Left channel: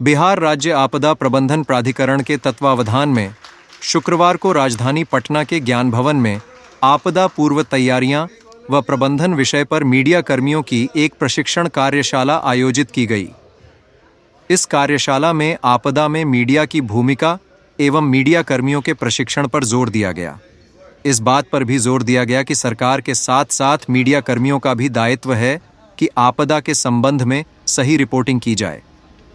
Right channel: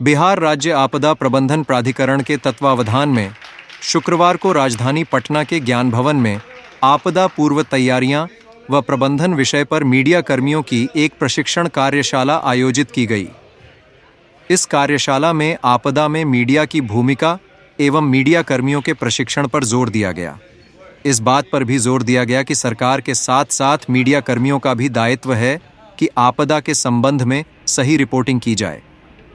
बिहार राज्य आपदा प्रबंधन प्राधिकरण के तत्वावधान में शुक्रवार को राजधानी पटना के ज्ञान भवन में आपदा पूर्व तैयारियां व प्रबंधन विषय पर मीडिया कर्मियों की एक प्रशिक्षण कार्यशाला आयोजित की गई। इस कार्यशाला में आपदा में मीडिया की भूमिका एवं मीडिया कर्मियों के प्रशिक्षण पर जोर दिया गया। इस बात पर भी जोर दिया गया कि सरकार के साथ साथ मीडिया कर्मियों का भी दायित्व है कि आपदा के संबंध में सही रिपोर्टिंग की जाए।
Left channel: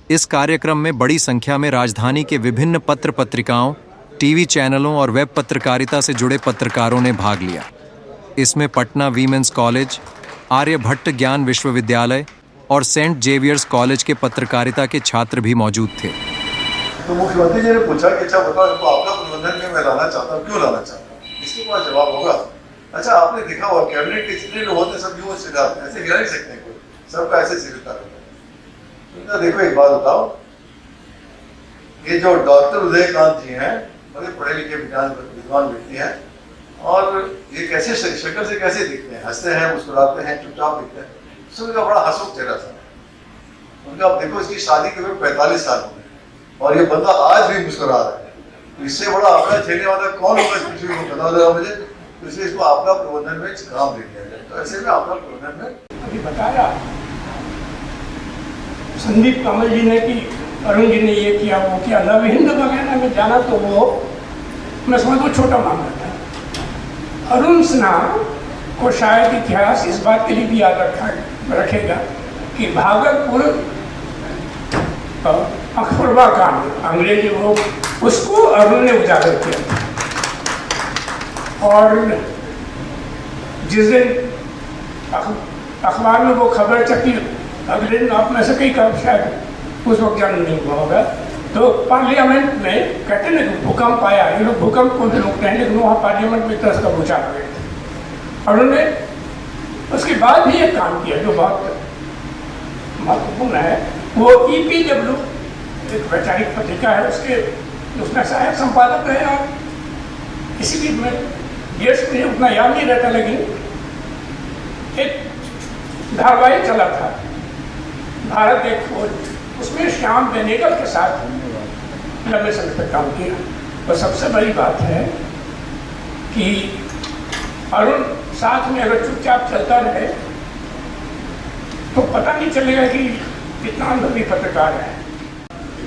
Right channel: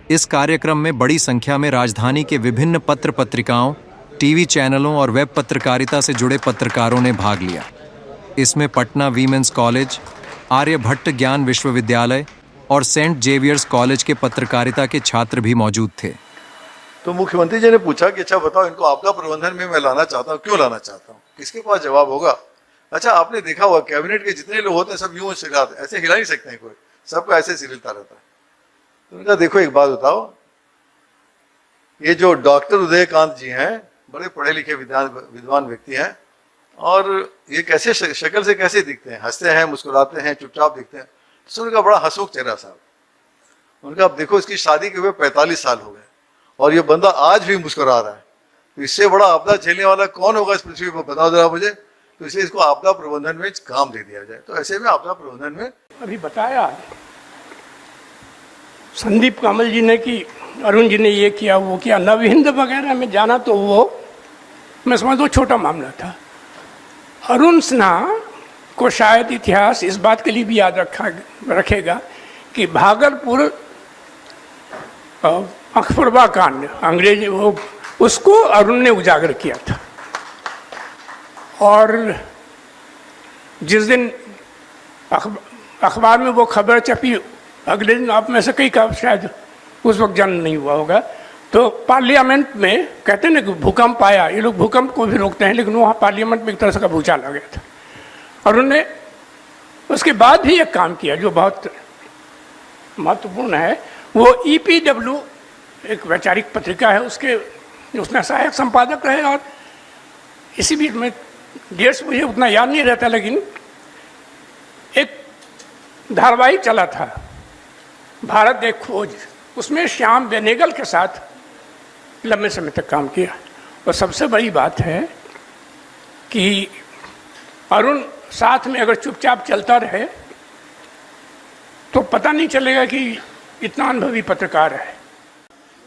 इस कार्यक्रम में बड़ी संख्या में राजधानी के विभिन्न पत्र पत्रिकाओं, टीवी चैनलों और वेब पत्रकारिता से जुड़े पत्रकारों ने भाग लिया। इसमें पटना वीमेंस कॉलेज, आर्यभट्ट ज्ञान विश्वविद्यालय और सेंट जेवियर्स कॉलेज के पत्रकारिता के छात्र भी मौजूद थे। तो मुख्यमंत्री जी ने पूछा कि अच्छा बताओ, इनको आपदा प्रबंधन में मैं लाना चाहता हूँ, क्यों लाना चाहता हूँ? इसके पास जवाब होगा। अच्छा, आपने देखा होगा कैबिनेट के जितने लोग होते हैं सब यूं ऐसे हिला नहीं सकते, कोई सबका ऐसे सिलता रहता है। तो देखो एक बात बताओ, ये जो डॉक्टर उदयकांत जी हैं, बड़े पढ़े लिखे विद्वान व्यक्ति हैं, और ये कैसे शक्ल से कैसे दिखते हैं, हंसते हैं, मुस्कुराते हैं, चुपचाप दिखते हैं, सब इनका बड़ा हंसमुख चेहरा सा। उनका आप देखो, इसकी शादी के हुए 45 साल हो गए और ये बंदा आज भी मुस्कुरा रहा है। तो इससे बड़ा आपदा झेलने वाला कौन होगा इस पृथ्वी को, बताओ जरा मुझे। तो इसलिए इसको आपदा प्रबंधन में काम दे दिया जाए। तो ऐसे में आपदा प्रबंधन में अभी बताया संदीप कमल जी ने कि अरुण जी ने ये किया, वो किया, लव हिंद वगैरह में जाना, तो वो मैं समझता हूँ छोटा मामला था। अरुण सिन्हा को शायद इतिहास इस बात के लिए भी याद रखेगा कि भागलपुर अखबारवा कांड अंग्रेजी वो उसको अरुण ने उजागर किया था। और जिस दिन अखबार में वो खबर छपी, अगले दिन आप में से कई का शायद उस वक्त जन्म नहीं हुआ होगा, तो पार्लियामेंट में कहते हैं ना कि भूकंप आया, ये लोग भूकंप को भी रोकते हैं, लेकिन वहाँ पार्लियामेंट में एक तरह से भूचाल आ गया था। और उन्होंने उसके बाद भी एक काम किया जो बहुत महत्वपूर्ण है। वो EPW एक वैचारिक पत्रिका है, उसमें सहायक संपादक रहे, और इसी बीच में डेट्स मुझे उतना याद नहीं रहता, लेकिन एक धारावाहिक चला था भारत एक खोज, उसमें श्याम बेनेगल के साथ लंबे समय तक काम किया। और सबसे बड़ी बात है कि अरुण साथ में अगर चुपचाप चलता रहे तो पता नहीं चलेगा कि इतना अनुभवी पत्रकार है।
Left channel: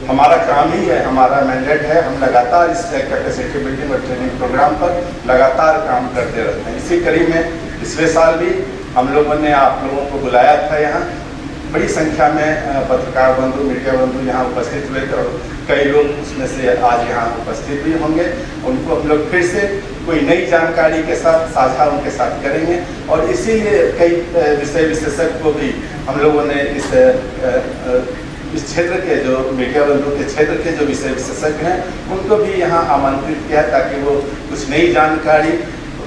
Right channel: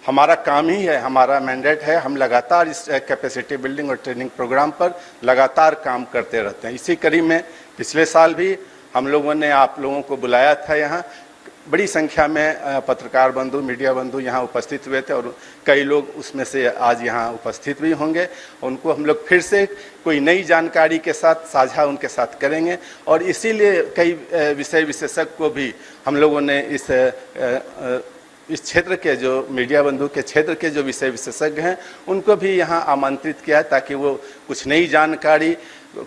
हमारा काम ही है, हमारा मैंडेट है, हम लगातार इस कैपेसिटी बिल्डिंग और ट्रेनिंग प्रोग्राम पर लगातार काम करते रहते हैं। इसी कड़ी में पिछले साल भी हम लोगों ने आप लोगों को बुलाया था। यहाँ बड़ी संख्या में पत्रकार बंधु, मीडिया बंधु यहाँ उपस्थित हुए थे, और कई लोग उसमें से आज यहाँ उपस्थित भी होंगे। उनको हम लोग फिर से कोई नई जानकारी के साथ साझा उनके साथ करेंगे, और इसीलिए कई विषय विशेषज्ञ को भी हम लोगों ने इस क्षेत्र के जो मीडिया बंधु के क्षेत्र के जो विषय विशेषज्ञ हैं उनको भी यहाँ आमंत्रित किया है, ताकि वो कुछ नई जानकारी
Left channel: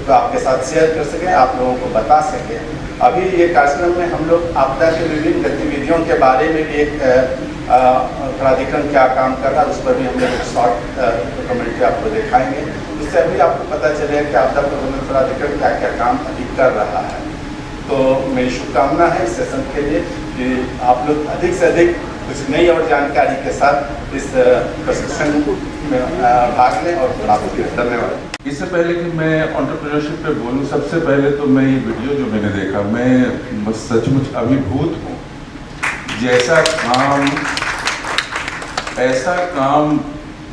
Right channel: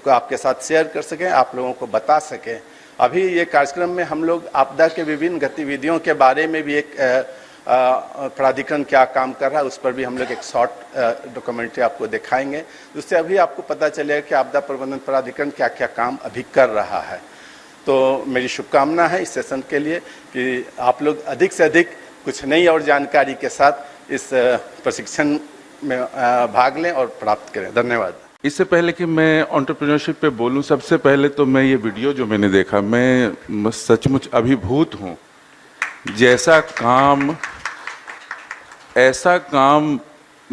आपके साथ शेयर कर सकें, आप लोगों को बता सकें। अभी ये कार्यक्रम में हम लोग आपदा के विभिन्न गतिविधियों के बारे में भी एक प्राधिकरण क्या काम कर रहा है उस पर भी हम लोग एक शॉर्ट डॉक्यूमेंट्री आपको दिखाएंगे। उससे अभी आपको पता चलेगा कि आपदा प्रबंधन प्राधिकरण क्या क्या काम अभी कर रहा है। तो मेरी शुभकामना है इस सेशन के लिए कि आप लोग अधिक से अधिक कुछ नई और जानकारी के साथ इस प्रशिक्षण में भाग लें, और आपके धन्यवाद। इससे पहले कि मैं एंटरप्रेन्योरशिप पे बोलूं, सबसे पहले तो मैं ये वीडियो जो मैंने देखा, मैं सचमुच अभिभूत हूँ। ऐसा काम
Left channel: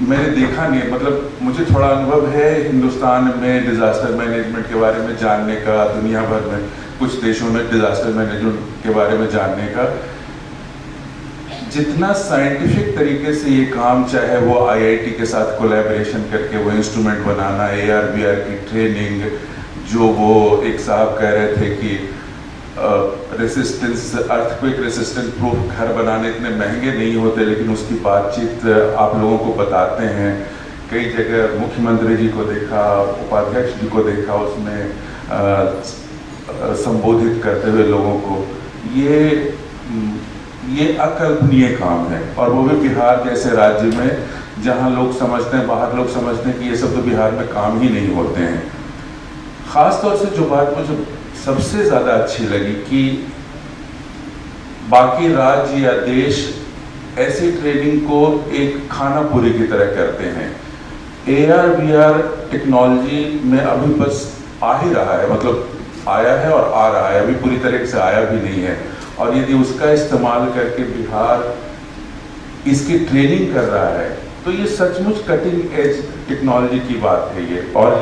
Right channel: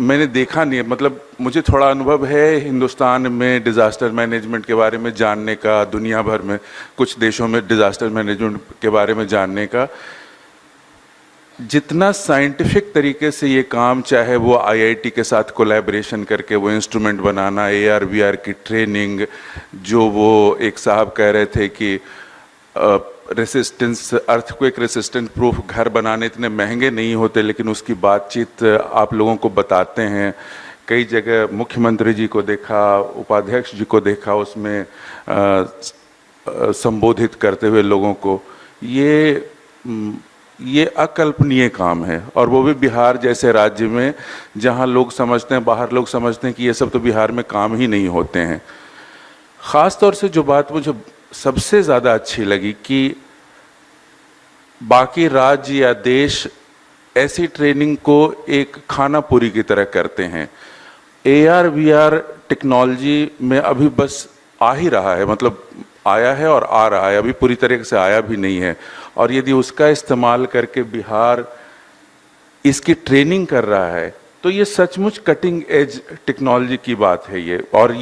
मैंने देखा नहीं। मतलब मुझे थोड़ा अनुभव है हिंदुस्तान में डिज़ास्टर मैनेजमेंट के बारे में जानने का, दुनिया भर में कुछ देशों में डिज़ास्टर मैनेजमेंट के बारे में जानने का। जितना साइंटिफिक तरीके से ये काम, चाहे वो IIT के साथ कोलैबोरेशन करके वो इंस्ट्रूमेंट बनाना, AR/VR की ट्रेनिंग, जो वो एक साहब कह रहे थे कि रेसिस्टेंस, अर्थक्वेक रेसिस्टेंट प्रूफ घर बनाने इतने महंगे नहीं होते, लेकिन उसकी बातचीत आप लोगों को बताते हैं। कई जगह मुख्यमंत्री जी को देखा, उपाध्यक्ष जी को देखा, उसमें संबोधित करते हुए लोगों को। ये अकल्पनीय काम है, और वो भी बिहार जैसे राज्य में जहां लोग समझते हैं, बाहर लोग समझते हैं कि ये सब तो बिहार में काम ही नहीं होते हैं। ख़ास तौर से जो बात मुझे सबसे ज़्यादा अच्छी लगी कि बाकी राज्य या देश ऐसी ट्रेनिंग को एक खाना पूरी की तरह करते हैं। AR VR टेक्नोलॉजी में अभी बस आ ही रहा है, मतलब आया है और आ रहा है, अभी पूरी तरह से आया भी नहीं है। और यदि उसका इस्तेमाल करके बिहार इसकी ट्रेनिंग कर रहा है तो ये सचमुच कटिंग एज टेक्नोलॉजी की बात है ये, और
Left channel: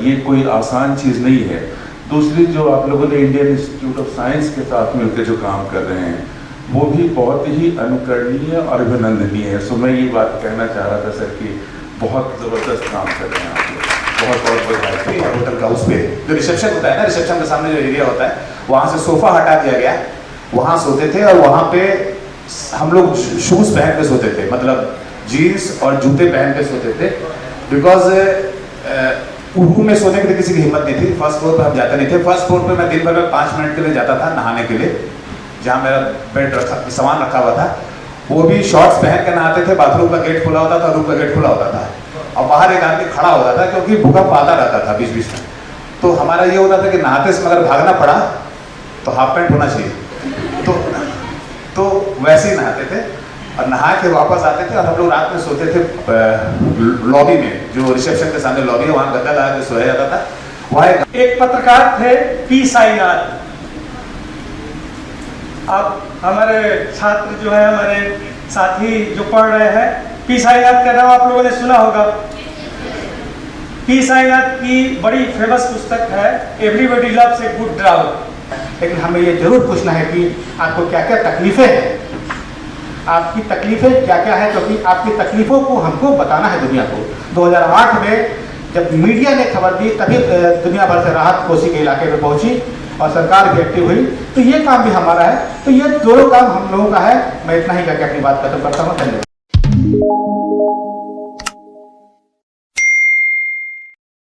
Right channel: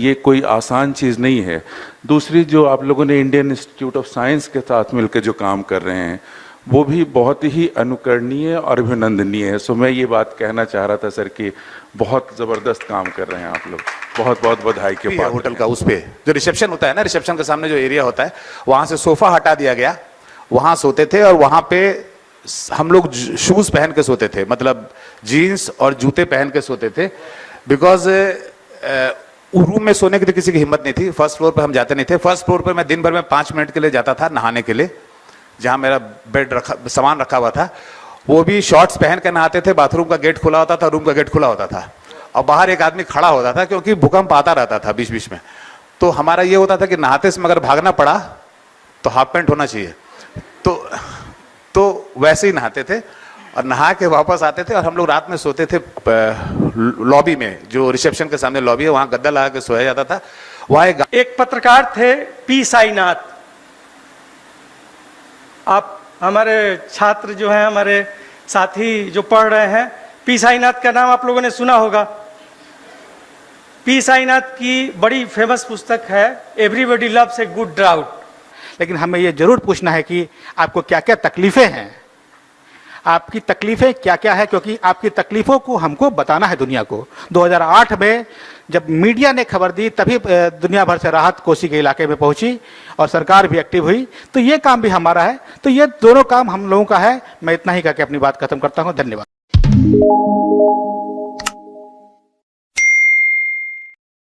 ये कोई आसान चीज़ नहीं है। दूसरी, जो आप लोगों ने इंडियन इंस्टीट्यूट ऑफ साइंस के साथ मिलकर जो काम कर रहे हैं वो भी बहुत ही अनुकरणीय और अभिनंदनीय है। सो मैं ये बात कहना चाह रहा था सर कि बहुत ज़बरदस्त काम कर रहे हैं आप लोग, बहुत बहुत बधाई के बाद। होटल का उस पे जो रिसेप्शन होता है ना, रिसेप्शन के सामने जो एरिया होता है वहाँ से सोफा हटा दिया गया, वहाँ सोते थे और वहाँ पे हम लोग शूज़ पहन के सोते थे, मतलब जीन्स और जूते पहन के सोते थे। बिकॉज रूम में सोने की तो किसी की हिम्मत नहीं थी, फर्स्ट फ्लोर पर हम जाते नहीं थे। फर्स्ट फ्लोर पर मैं दिन भर में 5 मिनट के लिए जाता था नहाने के लिए, जहाँ मेरा बेड सामान रखा हुआ था। वो भी शॉर्ट्स पहन के नहाते थे, बाथरूम का गेट खुला होता था, रूम का गेट खुला होता था और बाहर एक आदमी खड़ा होता था क्योंकि भूकंप आता रहता था बीच बीच में। तो हमारा ये होता था कि नहाते समय अगर भागना पड़ा तो हाफ पैंट होना चाहिए, तो वैसे ही नहाते थे और नहा के वापस आते थे। और हम लोग रात में सोते थे लॉबी में, जो रिसेप्शन के सामने लॉबी है वहाँ गद्दा लगा के सोया जाता था। वहाँ एक पत्रकार थे पी साईनाथ। अब हमारे छात्र जो है, हमारे साथी जो पढ़ रहे हैं, पी साईनाथ का नाम आप लोगों ने सुना होगा। पी साईनाथ की बड़ी फेमस पुस्तक है everybody loves a good drought. लेकिन हमें ये जरूर पूछना है कि आपको क्या क्या तकलीफें हैं, आपकी तकलीफें क्या क्या है, क्योंकि आपकी तकलीफों को हमको बताना है दुनिया को। 2008 में जब मीडिया ने खबर दी तभी दुनिया भर से राहत कोसी के इलाके में पहुंची और सरकार भी एक्टिव हुई। तो ये काम भी हमारा है, तो ये दोनों काम हम लोगों का है। मैं इतना ही करके अपनी बात खत्म करता हूँ। धन्यवाद।